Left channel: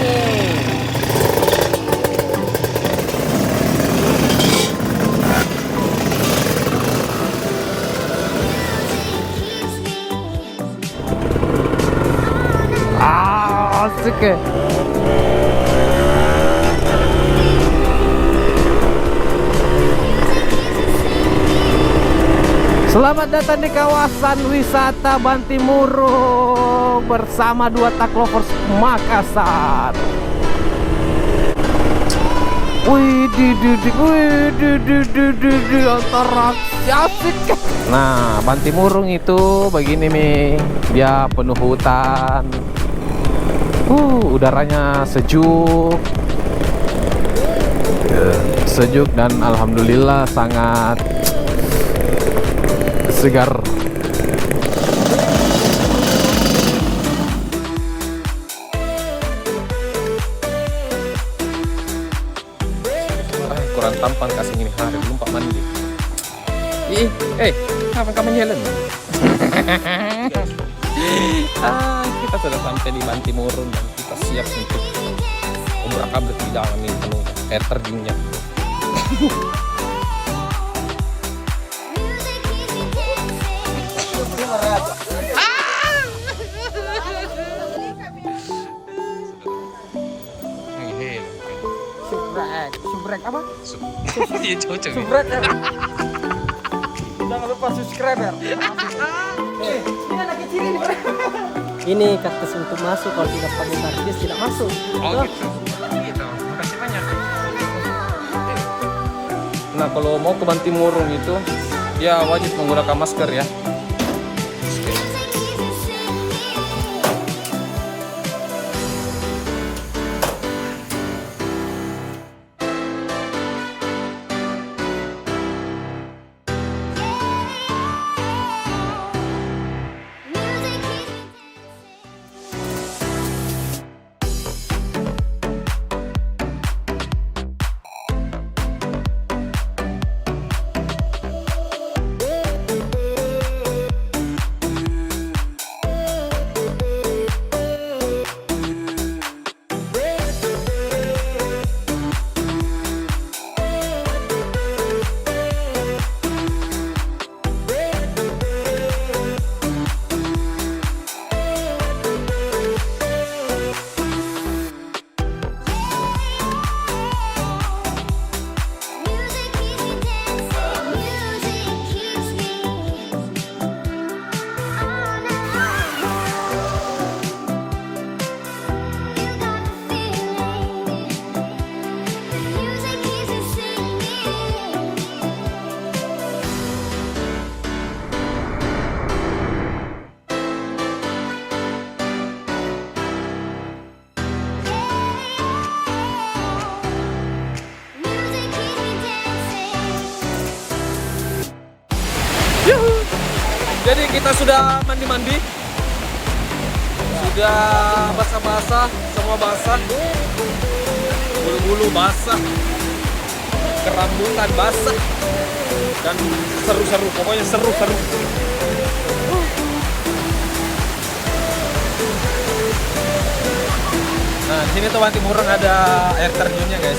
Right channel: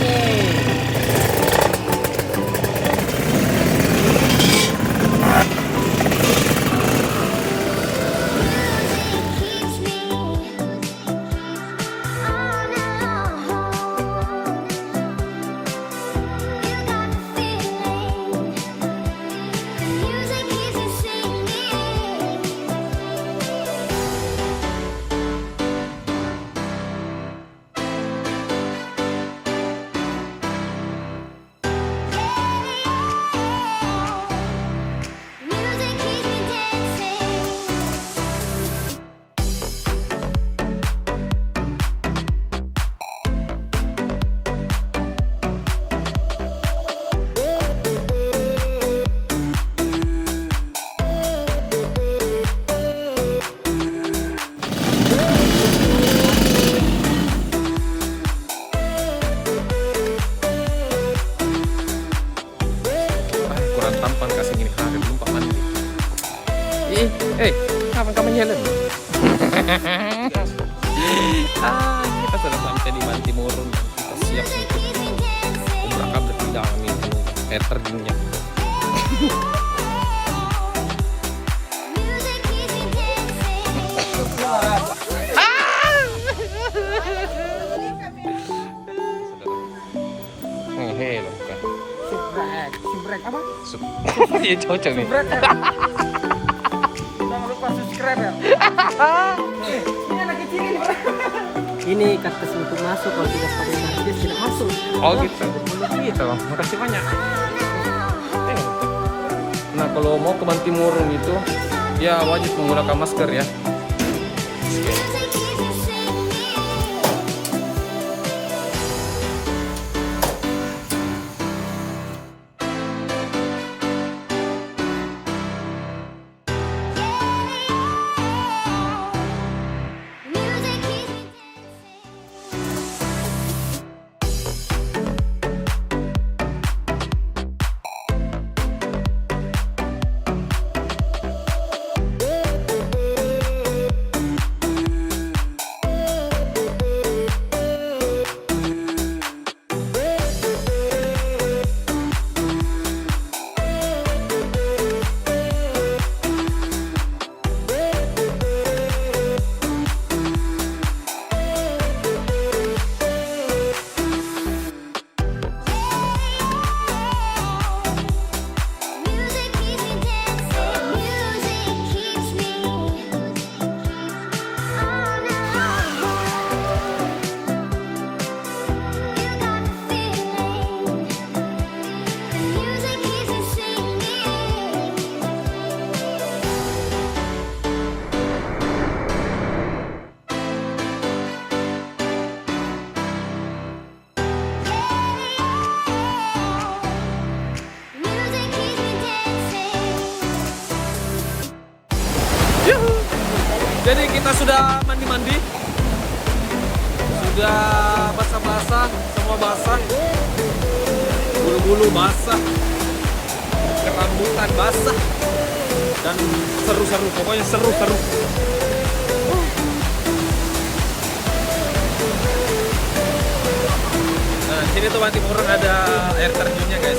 nih. Asik ya. Selamat datang di kawasan wisata Bantimurung bersama dua Taklovers Makassar. Antara asik. Nah, Bantimurung itu begini nih, dia penuh hutan. Udaranya sejuk, sejuk dan alhamdulillah sangat segar. Kurang tampan kasih gini hari belum Pak mandi. Kapan kamu jalan? Kita sudah sampai di Bantimurung dan kita siap untuk umrah bertiga nih penuh air terjunnya. Subscribe apa? Iya cocok nih. Jangan lupa subscribe ya. Ini anak kecil ini. Ini kaktus untuk masuk, kalau tidak komentar dia tidak masuk. Oh gitu. Gitu. Makasih banyak. Nah kalau mau ke Bantimurung itu dia wajib menggunakan masker ya. Jadi kita sudah mandi-mandi, sudah basah-basah, semua basah, bulu-bulu basah, kerambutan basah, dan seru-seru, pokoknya seru-seru. Nah di sini tuh Bantimurung ada air terjunnya guys.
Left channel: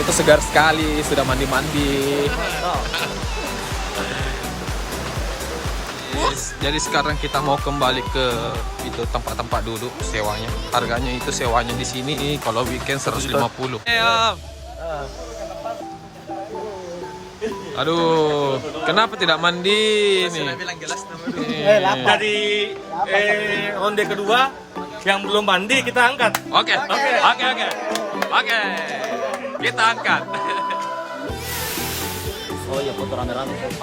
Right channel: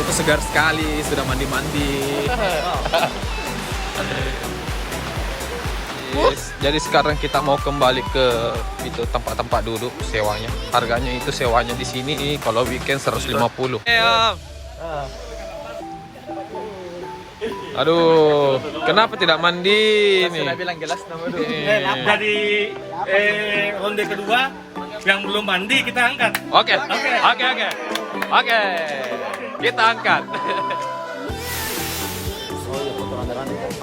Itu segar sekali, sudah mandi-mandi. Yes. Jadi sekarang kita mau kembali ke itu tempat-tempat duduk sewanya. Harganya itu sewanya di sini kalau weekend 150. Aduh, kenapa tidak mandi nih? Jadi ronde kedua yang belum mandi kita angkat. Oke. Kita angkat.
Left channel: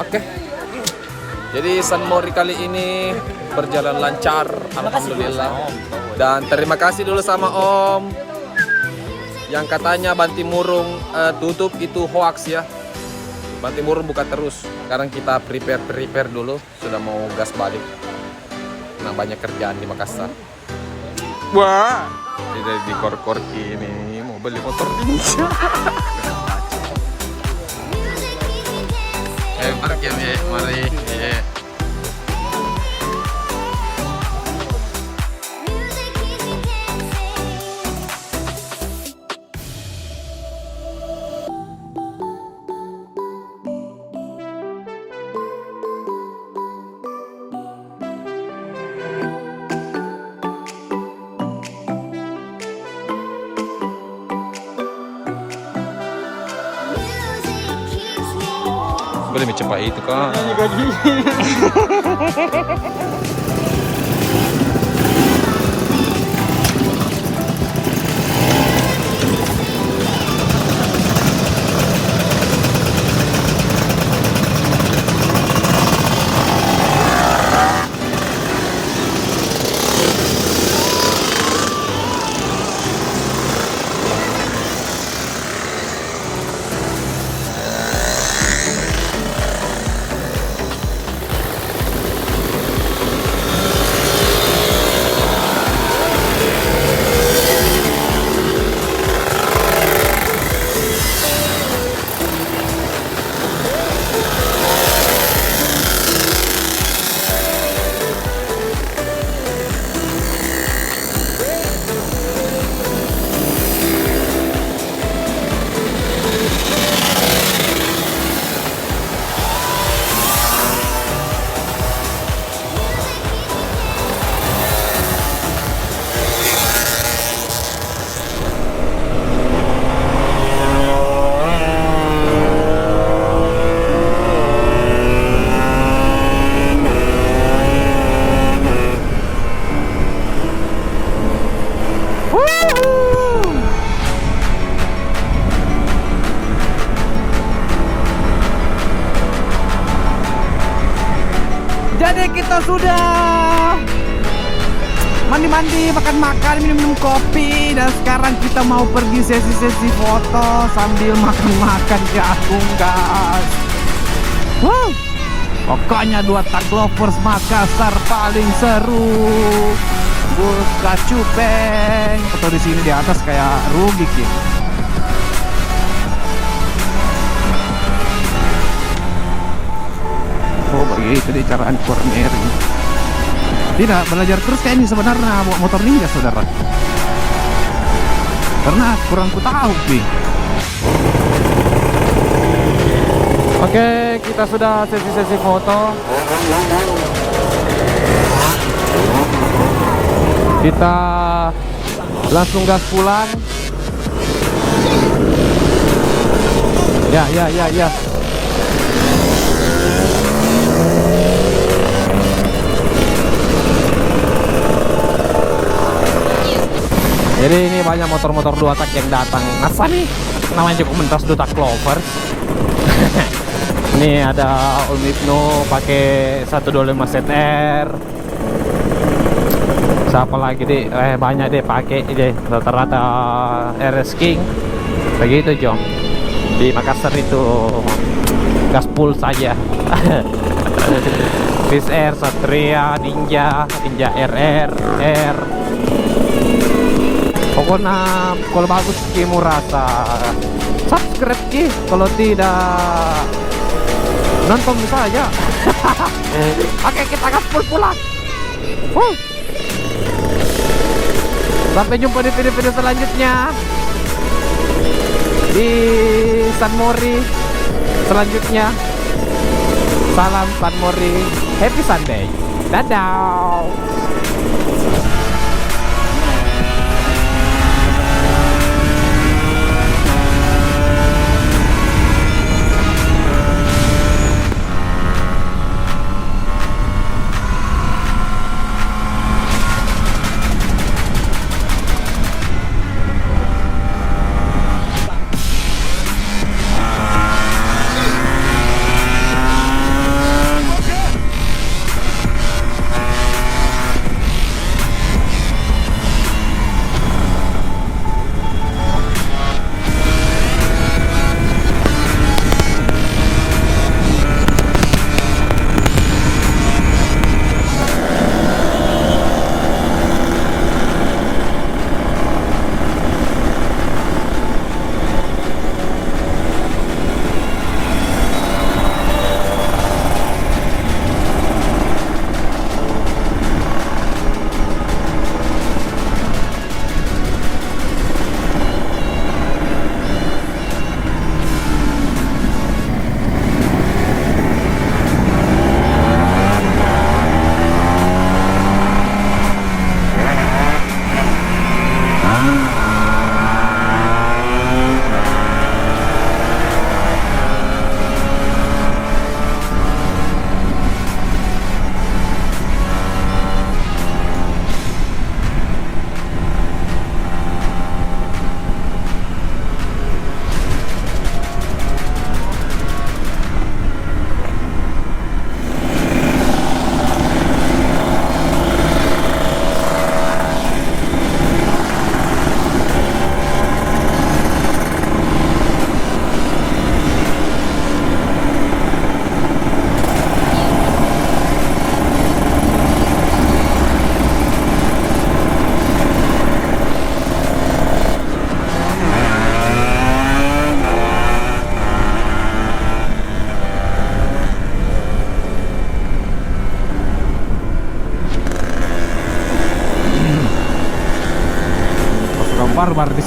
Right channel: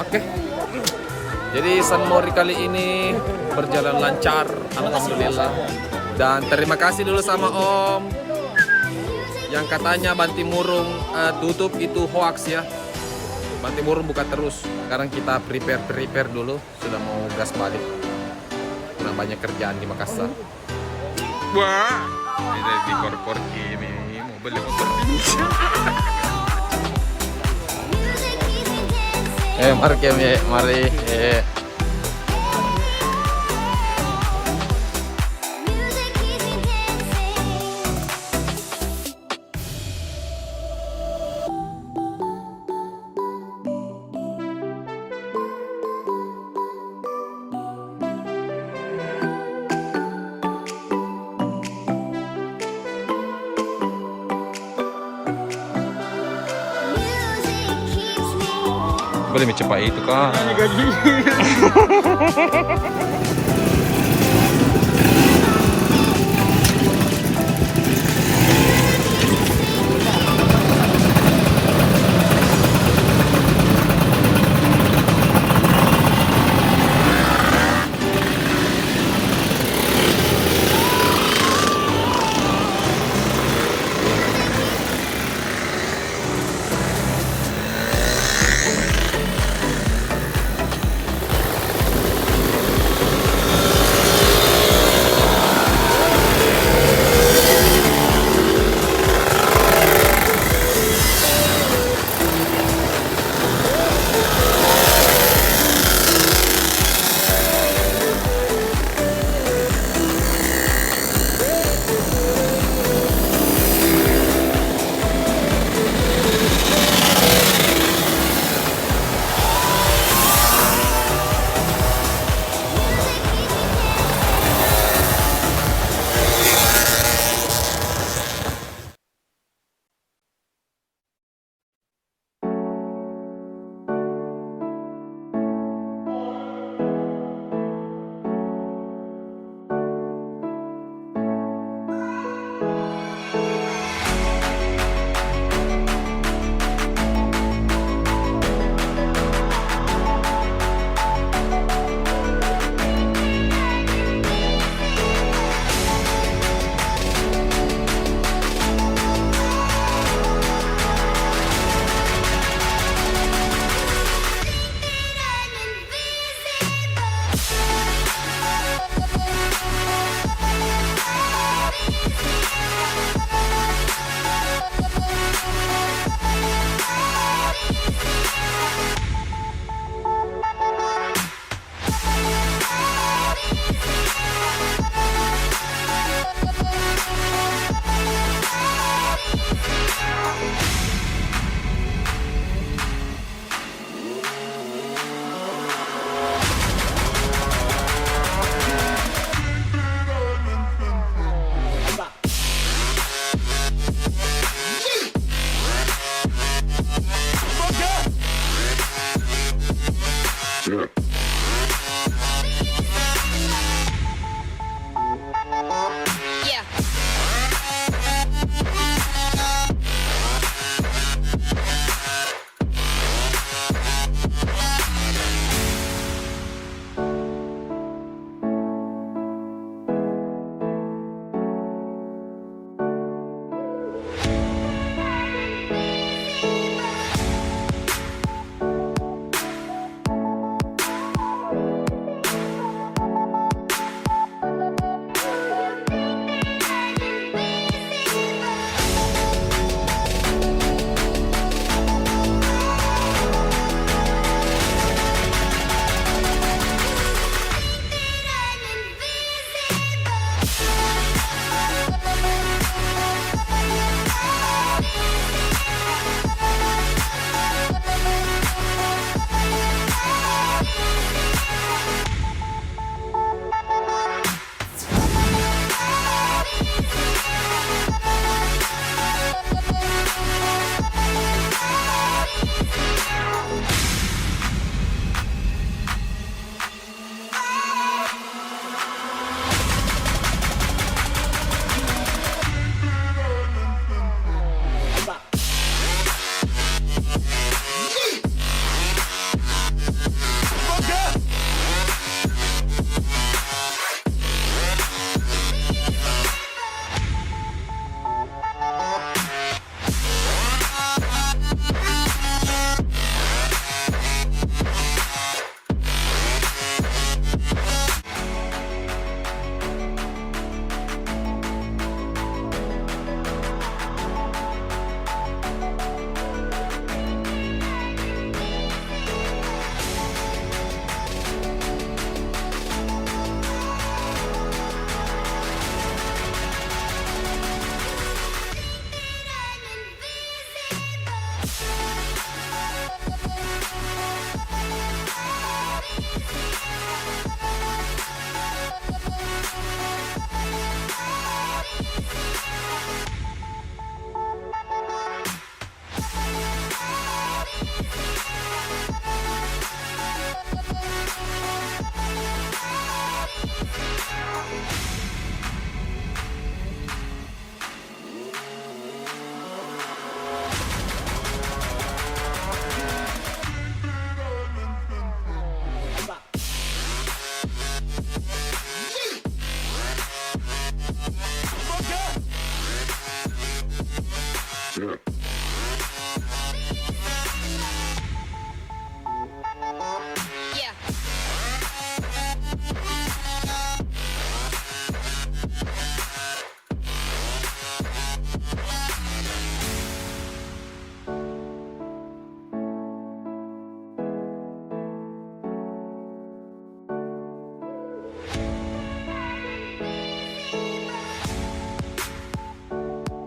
Oke. Jadi San Mori kali ini berjalan lancar, alhamdulillah. Dan terima kasih dulu sama Om yang katanya Bantimurung tutup itu hoax ya. Bantimurung buka terus. Sekarang kita prepare dulu, sudah mau gas balik. Nah banyak kerjaan di Makassar. Wah, ini di kor-kor ini mau beli motor ninja. Mari. boleh mencepat itu kan. Jadi kita sudah mandi-mandi, makan-makan, minum-minum kopi, dan sekarang kita mau pergi sesi-sesi foto sambil makan-makan ke Agung, guys. Wow. Pokoknya 2 tag lovers Makassar paling seru. Buka cupeng. Foto di sini di atas kayak rugi sih. Oh, begitu deh caraan corner. Tidak, belajar terus kayak ini sebenarnya bawa motor ninja, saudara. Karena kurang ku tahu sih. Oke, kita sudah sesi-sesi foto. Kita langsung gas pulang. Ya. Jadi ini banyak motor-motor 2 tak yang datang. Apa nih? Namanya cukup mentas 2 tak clover. Ini ada Olmidno pakai 125 ZR. Siapa lagi deh? Banyak deh pakai deh. Rata-rata RS King. Begitu Jong. Di Makassar itu gaspol saja. Bis R, Satria, Ninja RR, R. Pokoknya kalau bagus Kimu rasa subscribe Ki, kalau tidak nonton saja. Oke, kita gaspol pulang. Sampai jumpa di video-video selanjutnya di San Mori selanjutnya. Salam San Mori, happy Sunday, dadah.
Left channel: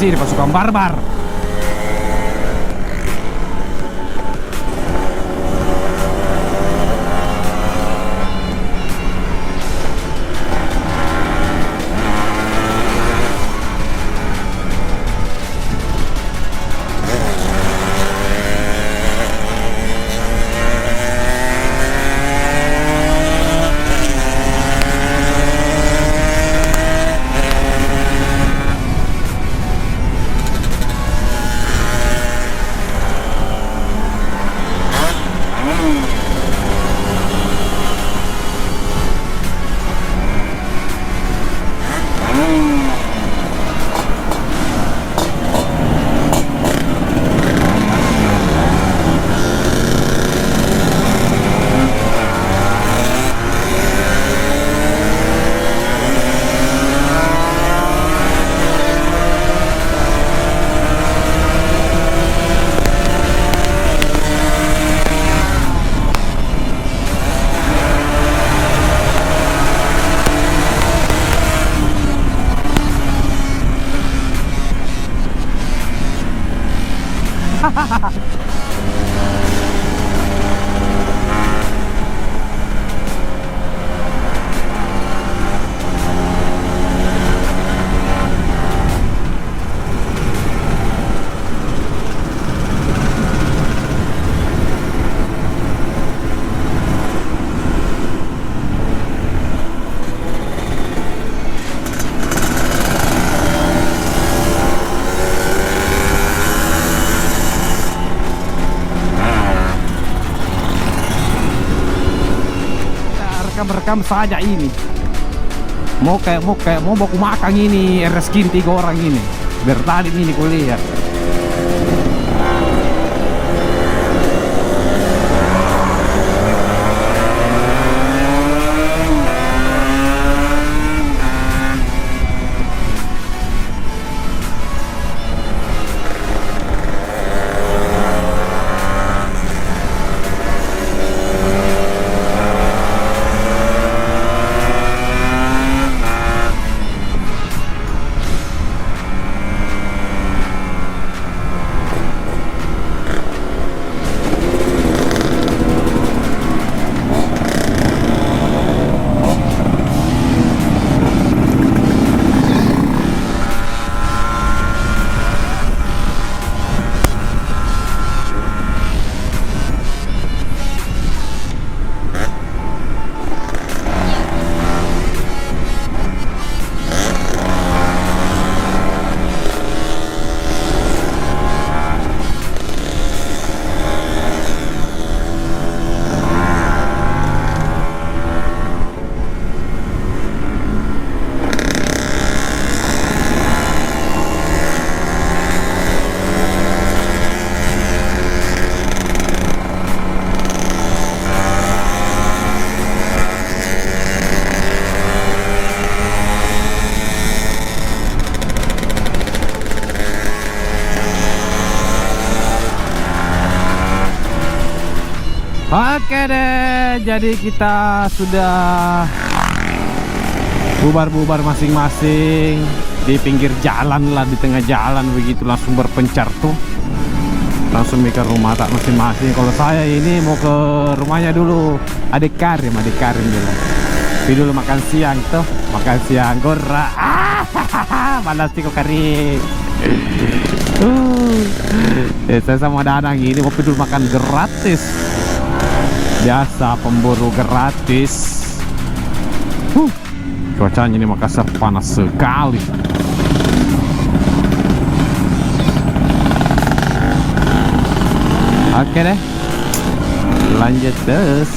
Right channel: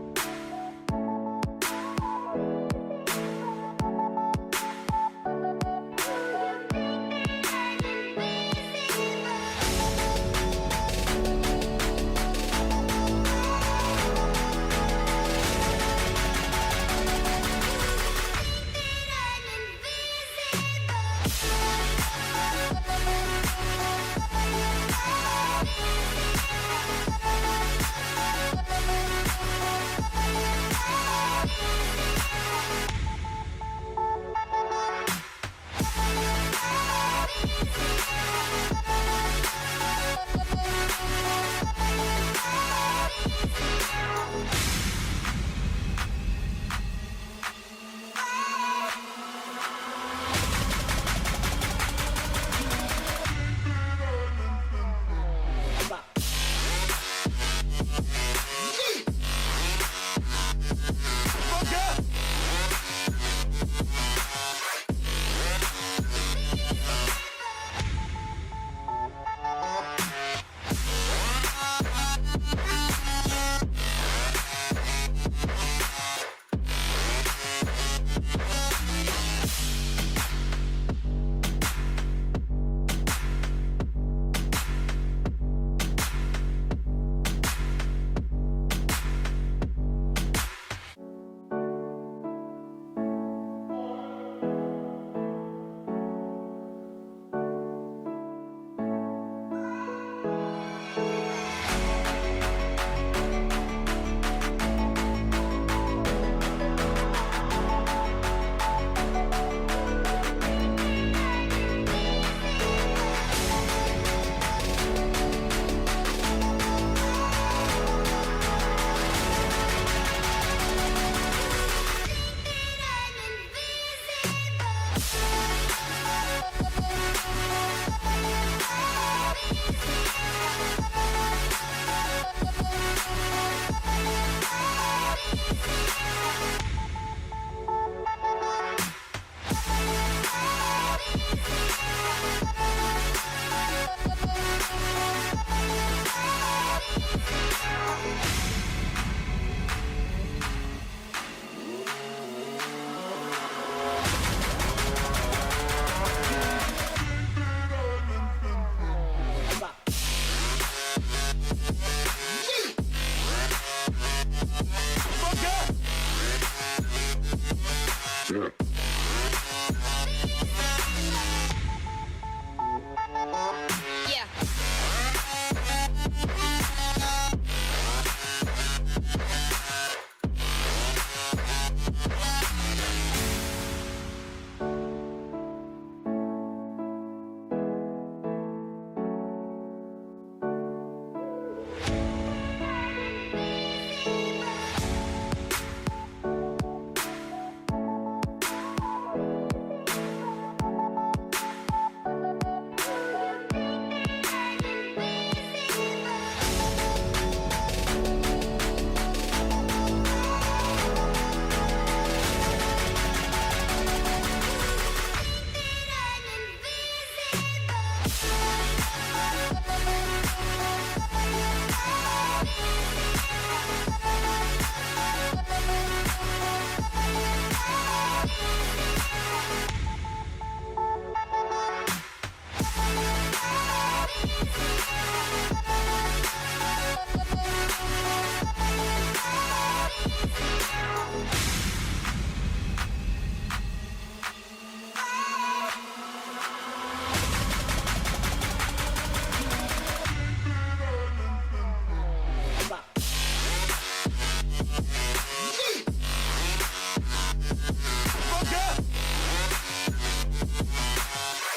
sini pasukan barbar. Rekam saja ini. Mau baku makan ini reskin 3 orang ini. Bertanding ini kuliah. Oke deh, jadi kita sudah bubar-bubar masing-masing di pinggir jalan lah, di tengah jalan begitu, langsung berpencar tuh, langsung ke rumah tak masing-masing. Kalau saya ini mau ke rumahnya dulu, adik Karim dulu. Tapi dulu makan siang tuh, makan siang gora. Panas sih kok Karim. Saya sama Dadang ini mau dulu makan gratis. Biasa pemburu gratis. Cuacanya ini Makassar panas sekali. Oke deh, lanjut terus.